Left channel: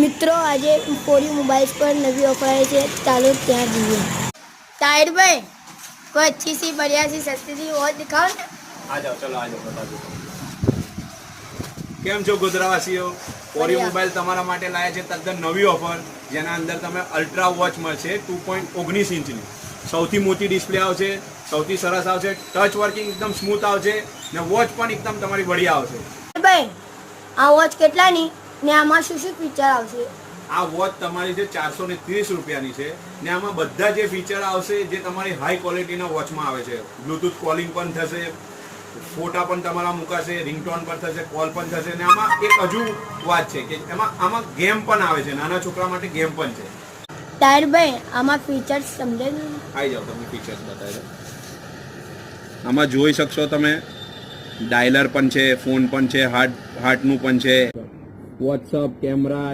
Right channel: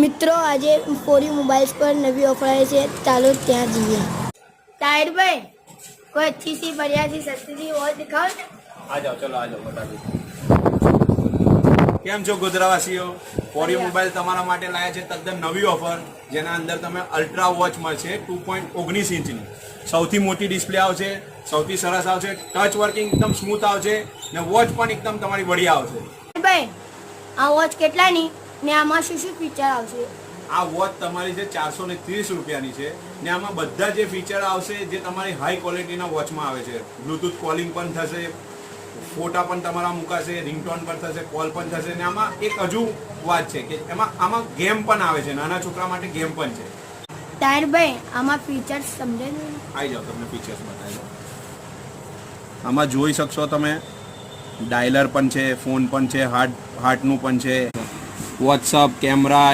મિત્રો આજે ફોરી મોબાઈલ્સ પર નવી ઓફર આવી છે, ચાલો ત્યાં જઈએ। તાહિર ભાઈ કોઈ अच्छी सी बढ़िया सी सस्ती सी वॉच दिखाओ ना। आ जाओ, चलो आ जाओ, बता दो। કેમ છો ગોધરાવાસીઓ? ફોરી મોબાઈલ તમારા માટે લાયા છે તદ્દન નવી ઓફર, જેના અંદર તમે અલ્ટ્રા વોચ મળશે 2.19 ઇંચની। સૌથી મોટી ડિસ્પ્લે આવશે, સૌથી સરસ આવશે, ટચ વર્કિંગ એકદમ સ્મૂથ આવશે ને વોચ પણ એકદમ તમારી બઢિયા આવશે। ભાઈ આ વોચ કેટલાની ને આમાં શું શું ફીચર આવશે? આ વોચ તમારી છે 430 રૂપિયાની છે ને આમાં બધા જે ફીચર આવશે જે તમારી હાઈ ક્વોલિટીના વોચમાં આવે છે। બ્લૂટૂથ કોલિંગ પણ થશે, ફોટા પણ તમારા મુકાશે, રિંગટોન પણ થશે, કોલ પણ થશે ને આમાં એક હજુ વાત છે કે આમાં ગેમ પણ આવે છે, નાના છોકરા માટે ગેમ પણ છે। તાહિર ભાઈ આમાં ફીચર્સ સમજાવી દો। આવી જાઓ, તમને ફીચર્સ બતાવી દો। આમાં જોઈ શકશો તમે ડાયલર પણ છે, ફોન પણ છે, હાર્ટનું પણ છે, વોટ્સઅપ, કેમેરા,